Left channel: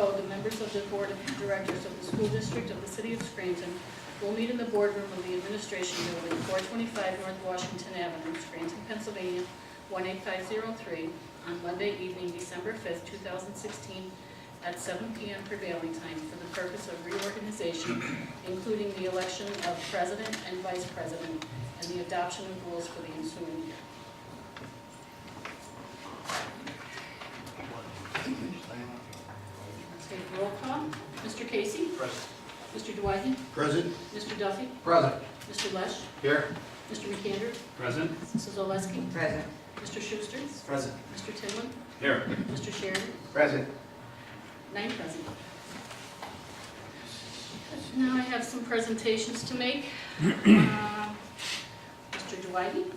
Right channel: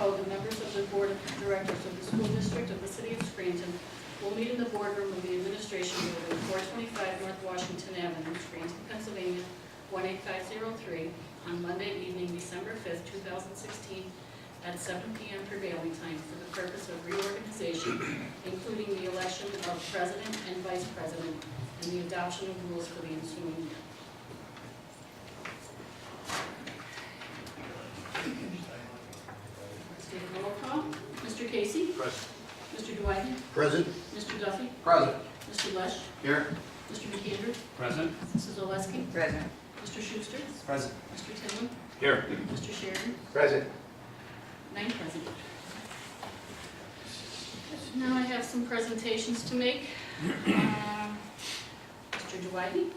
code, the members of the Board of Directors of the School District of the City of Scranton will meet in the boardroom of the Administration Building, 425 North Washington Avenue, Scranton, Pennsylvania, 18503, on Monday evening, December 5th, 2016, at 7 p.m. prevailing time for the purpose of reorganization, including the election of President and Vice President and the adoption of rules for the ensuing year. Take roll call. Mr. Casey? Present. Mr. Dwight? Present. Mr. Duffy? Present. Mr. Lesh? Here. Mr. McAndrew? Present. Mrs. Oleski? Present. Mr. Schuster? Present. Mr. Tidwin? Here. Mr. Sheridan? Present. 9 present. Now I have some presentations to make. Mr. Dwight?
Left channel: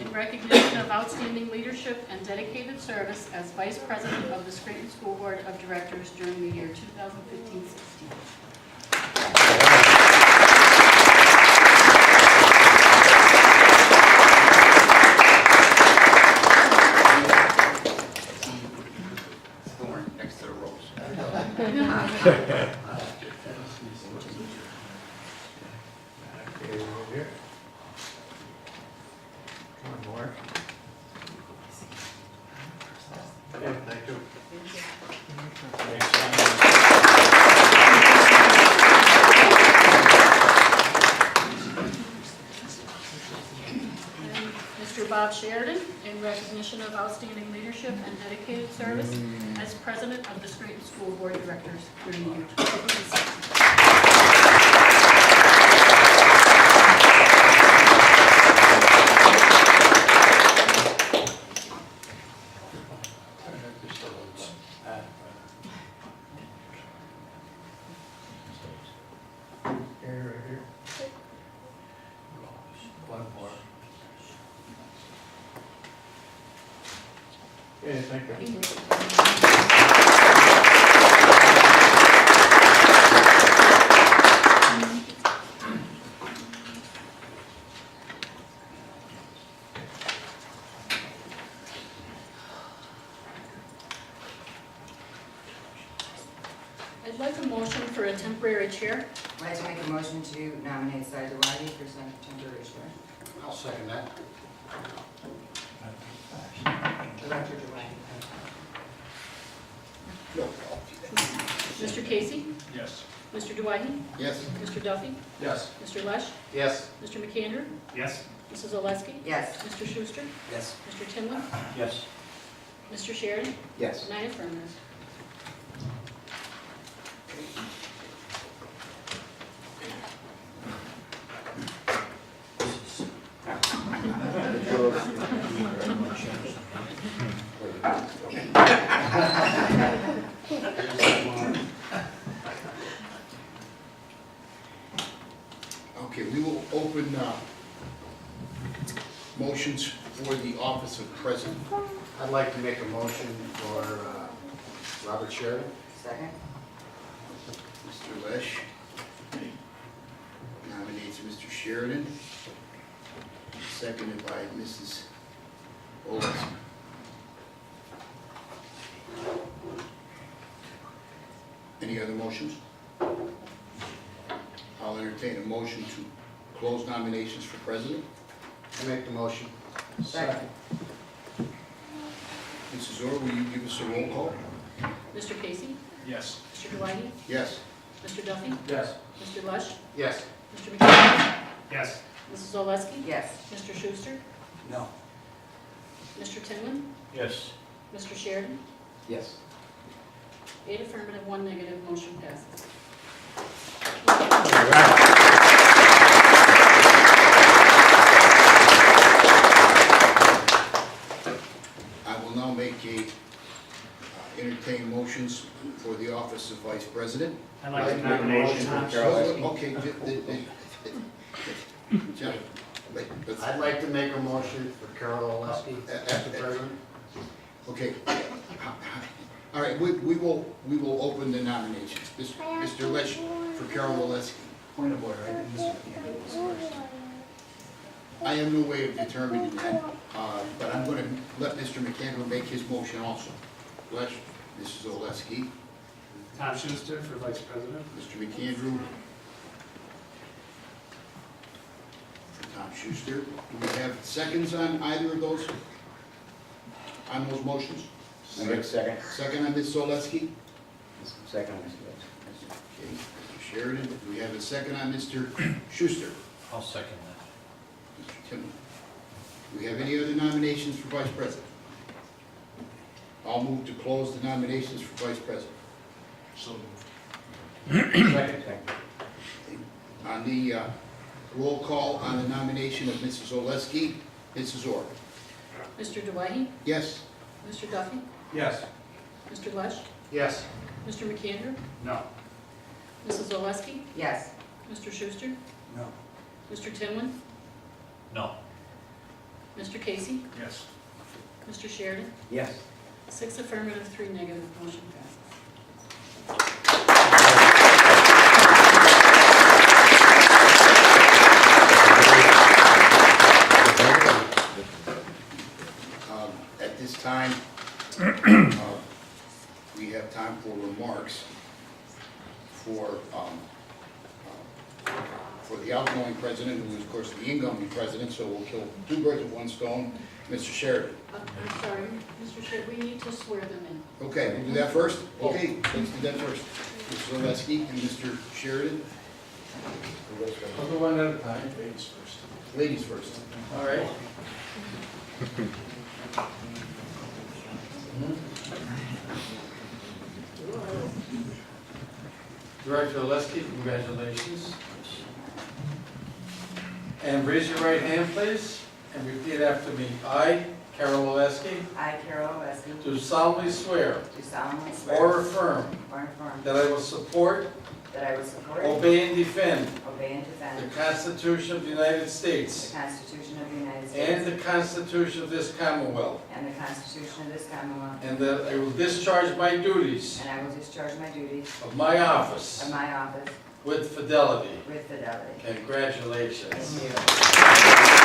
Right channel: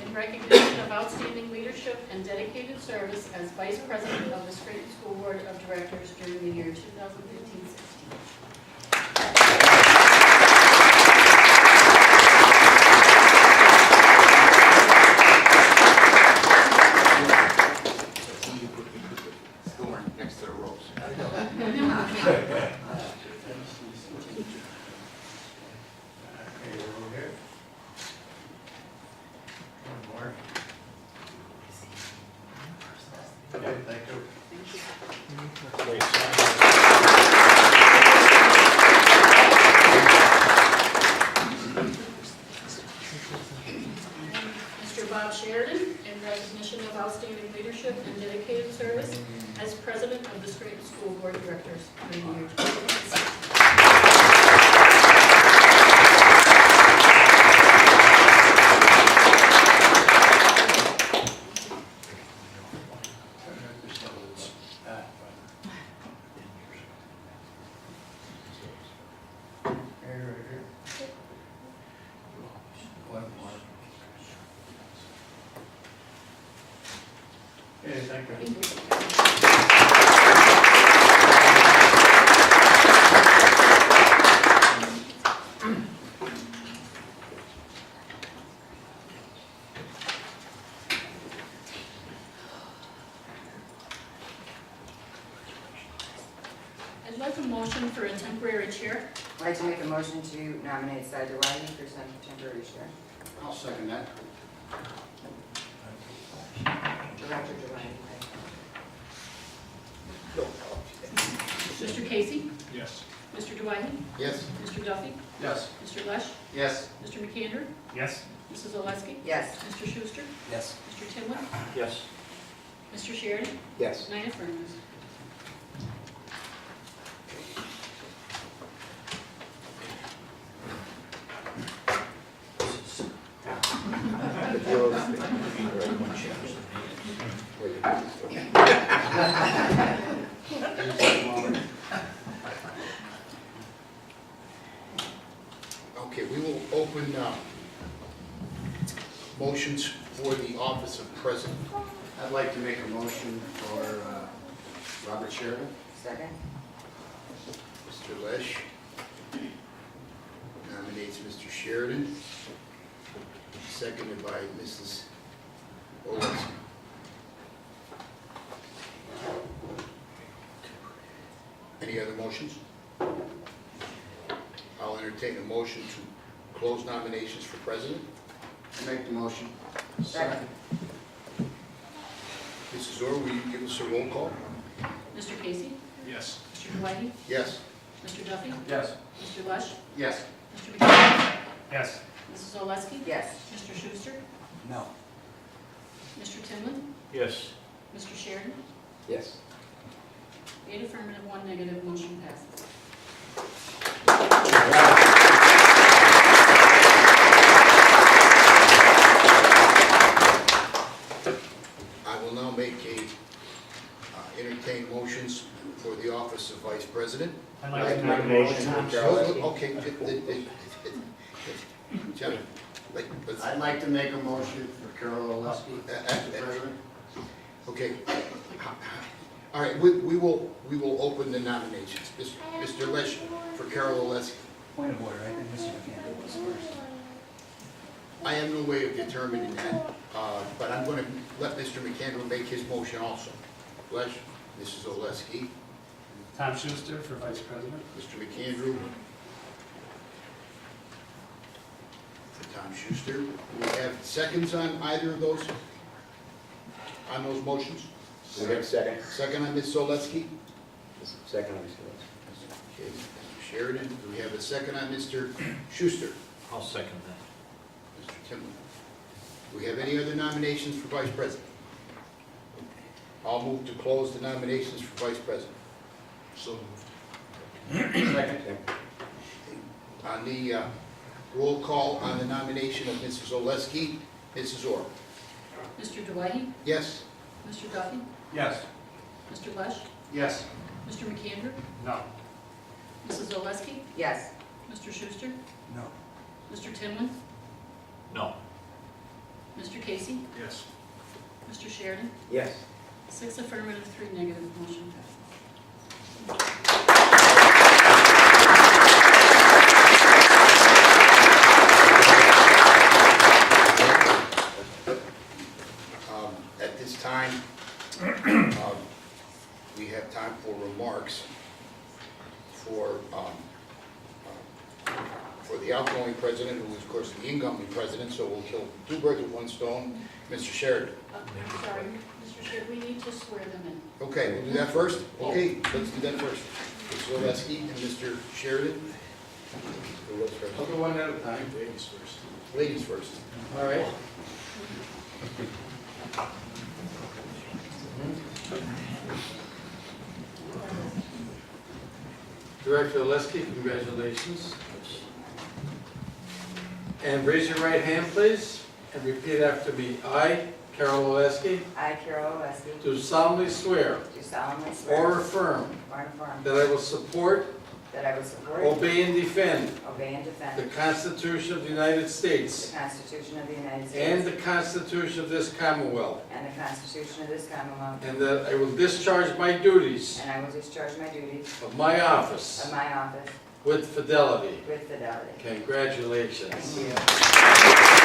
In recognition of outstanding leadership and dedicated service as Vice President of the Scranton School Board of Directors during the year 2015-16. Next to the rolls. One more. Okay, thank you. And Mr. Bob Sheridan, in recognition of outstanding leadership and dedicated service as President of the Scranton School Board of Directors during the year 2016. One more. Okay, thank you. Thank you. I'd like a motion for a temporary chair. I'd like to make a motion to nominate Cy Dewey for some temporary chair. I'll second that. Roger Dewey. Mr. Casey? Yes. Mr. Dwight? Yes. Mr. Duffy? Yes. Mr. Lesh? Yes. Mr. McAndrew? Yes. Mrs. Oleski? Yes. Mr. Schuster? Yes. Mr. Tidwin? Yes. Mr. Sheridan? Yes. 9 affirmative. Okay, we will open motions for the office of president. I'd like to make a motion for Robert Sheridan. Second? Mr. Lesh nominates Mr. Sheridan, seconded by Mrs. Oleski. Any other motions? I'll entertain a motion to close nominations for president. Make the motion. Second. Mrs. Orr, will you give us a roll call? Mr. Casey? Yes. Mr. Dwight? Yes. Mr. Duffy? Yes. Mr. Lesh? Yes. Mr. McAndrew? Yes. Mrs. Oleski? Yes. Mr. Schuster? No. Mr. Tidwin? Yes. Mr. Sheridan? Yes. 8 affirmative, 1 negative, motion passes. I will now make entertain motions for the office of vice president. I'd like to make a motion for Carol. Okay, John, let's, I'd like to make a motion for Carol Oleski, Mr. President. okay. All right, we will open the nominations. Mr. Lesh for Carol Oleski. Point of order, I think Mr. McAndrew was first. I have no way of determining that, but I'm going to let Mr. McAndrew make his motion also. Lesh? Mrs. Oleski, Tom Schuster for Vice President. Mr. McAndrew. For Tom Schuster. Do we have seconds on either of those? On those motions? Second. Second on Ms. Oleski? Second, Mr. Lewis. Okay, Mr. Sheridan. Do we have a second on Mr. Schuster? I'll second that. Mr. Tillman. Do we have any other nominations for Vice President? I'll move to close the nominations for Vice President. So moved. Second. On the roll call on the nomination of Mrs. Oleski, Mrs. Orr. Mr. Dwight? Yes? Mr. Duffy? Yes. Mr. Lesh? Yes. Mr. McAndrew? No. Mrs. Oleski? Yes. Mr. Schuster? No. Mr. Tinlin? No. Mr. Casey? Yes. Mr. Sheridan? Yes. 6 affirmative, 3 negative, motion passes. At this time, we have time for remarks for the outgoing president, who is, of course, the incoming president, so we'll kill two birds with one stone. Mr. Sheridan. Sorry, Mr. Sheridan, we need to swear them in. Okay, we'll do that first? Okay, let's do that first. Mr. Oleski and Mr. Sheridan. I'll go one at a time. Ladies first. Ladies first. All right. Director Oleski, congratulations. And raise your right hand, please, and repeat after me. I, Carol Oleski, I, Carol Oleski, do solemnly swear do solemnly swear or affirm or affirm that I will support, that I will support, obey, and defend obey, and the defend Constitution of the United the States Constitution of the United and States the Constitution of this Commonwealth, and the Constitution of this Commonwealth, and that I will discharge my duties and I will discharge my duties of my office of my office with fidelity. with fidelity. Congratulations. Thank you.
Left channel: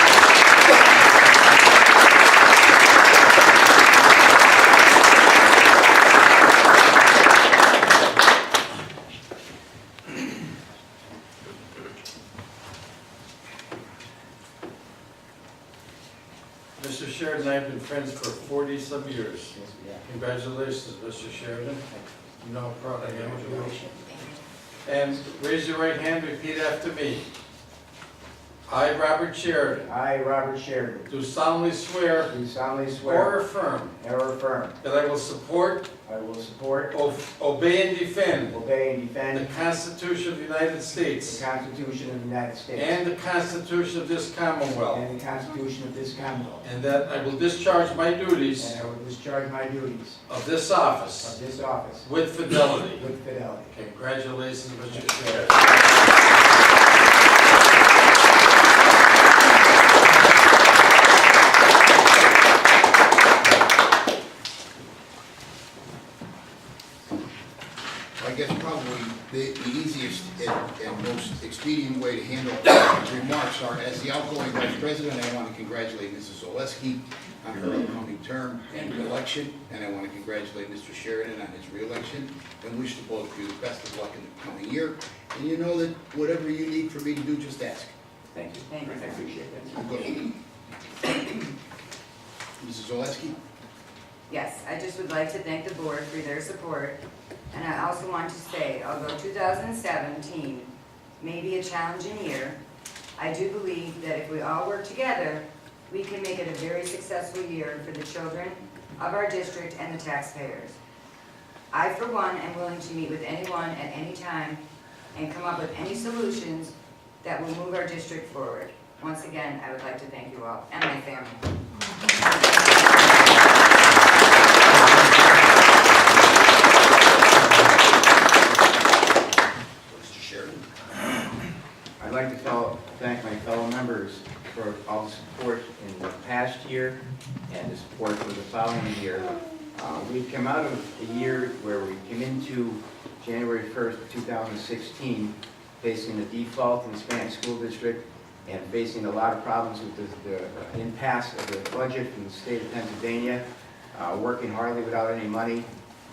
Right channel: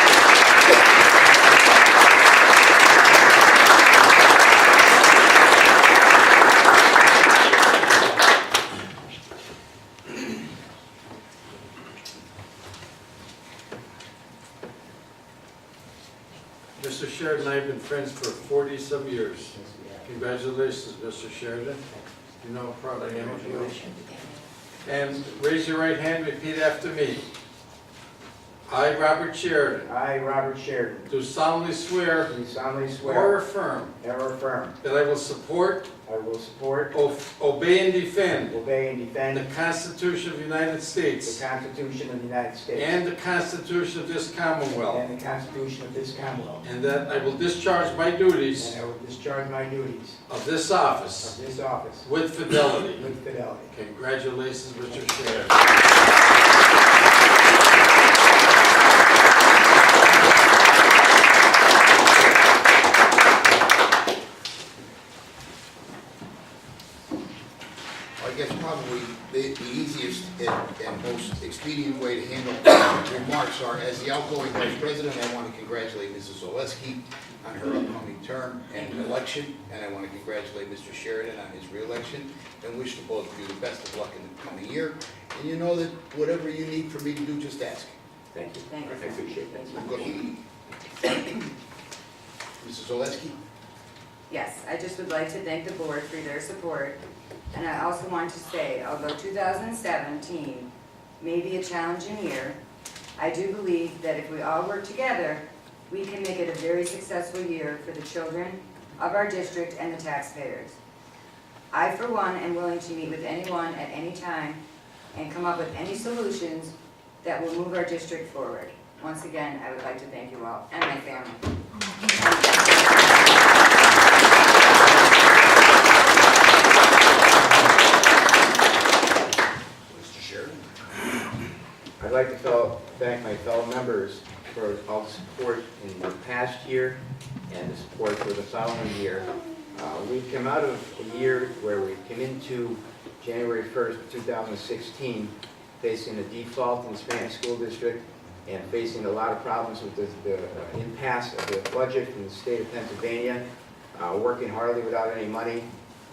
Mr. Sheridan and I have been friends for 40-some years. Congratulations, Mr. Sheridan. You know how proud I am of you. And raise your right hand, repeat after me. I, Robert Sheridan, I, Robert Sheridan, do solemnly swear do solemnly or swear affirm or affirm that I will support, I will support, obey, and defend obey, and the defend Constitution of the United the States Constitution of the United States and the Constitution of this Commonwealth, and the Constitution of this Commonwealth, and that I will discharge my duties and I will discharge my duties of this office of this office with fidelity. with fidelity. Congratulations, Mr. Sheridan. I guess probably the easiest and most expedient way to handle remarks are, as the outgoing vice president, I want to congratulate Mrs. Oleski on her upcoming term and election, and I want to congratulate Mr. Sheridan on his reelection, and wish to both of you the best of luck in the coming year. And you know that whatever you need for me to do, just ask. Thank you. Thank you. I appreciate that. Good. Mrs. Oleski? Yes, I just would like to thank the board for their support. And I also want to say, although 2017 may be a challenging year, I do believe that if we all work together, we can make it a very successful year for the children of our district and the taxpayers. I, for one, am willing to meet with anyone at any time and come up with any solutions that will move our district forward. Once again, I would like to thank you all and my family. Mr. Sheridan? I'd like to thank my fellow members for all the support in the past year and the support for the following year. We've come out of a year where we came into January 1st, 2016, facing a default in the Hispanic School District and facing a lot of problems with the impasse of the budget from the state of Pennsylvania, working hardly without any money,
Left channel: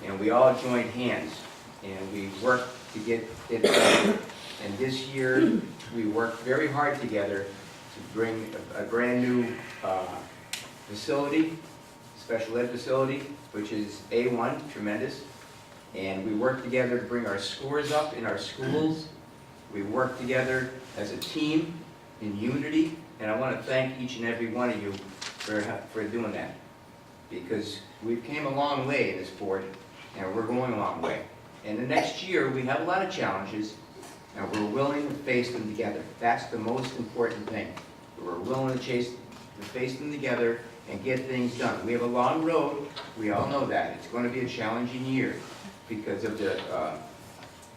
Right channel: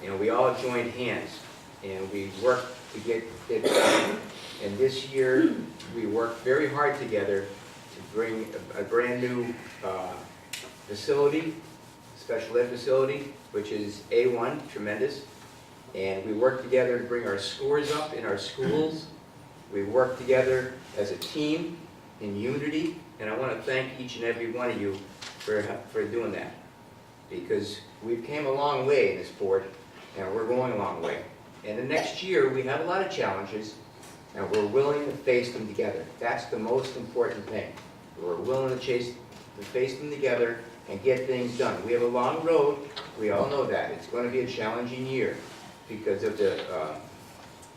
and we all joined hands, and we worked to get it done. And this year, we worked very hard together to bring a brand-new facility, special ed facility, which is A1, tremendous. And we worked together to bring our scores up in our schools. We worked together as a team in unity, and I want to thank each and every one of you for doing that. Because we've came a long way in this board, and we're going a long way. And the next year, we have a lot of challenges, and we're willing to face them together. That's the most important thing. We're willing to face them together and get things done. We have a long road, we all know that. It's going to be a challenging year because of the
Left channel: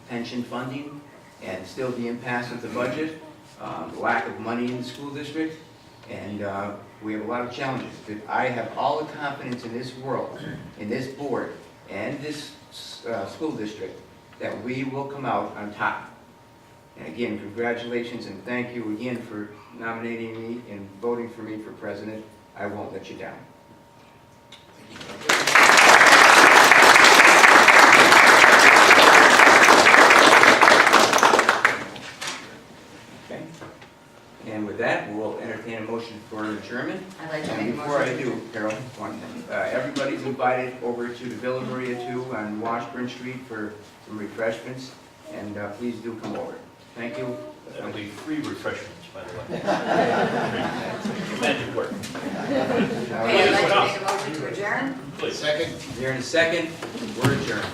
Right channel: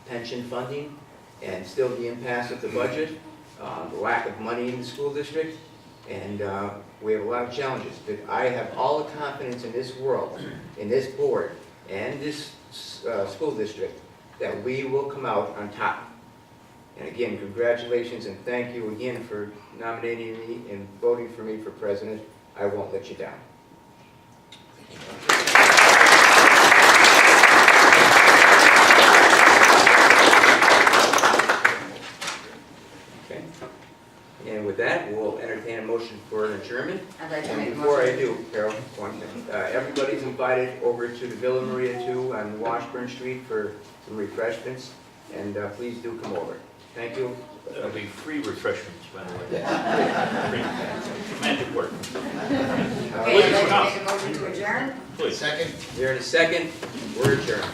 pension funding and still the impasse of the budget, the lack of money in the school district, and we have a lot of challenges. But I have all the confidence in this world, in this board, and this school district, that we will come out on top. And again, congratulations and thank you again for nominating me and voting for me for president. I won't let you down. Okay. And with that, we'll entertain a motion for adjournment. I'd like to And make a before I motion. do, Carol, one thing. Everybody's invited over to the Villa Maria 2 on Washburn Street for some refreshments, and please do come over. Thank you. There'll be free refreshments, by the way. Magic word. Okay, I'd like to make a motion to adjourn. Please. Second? Here in a second, we're adjourned.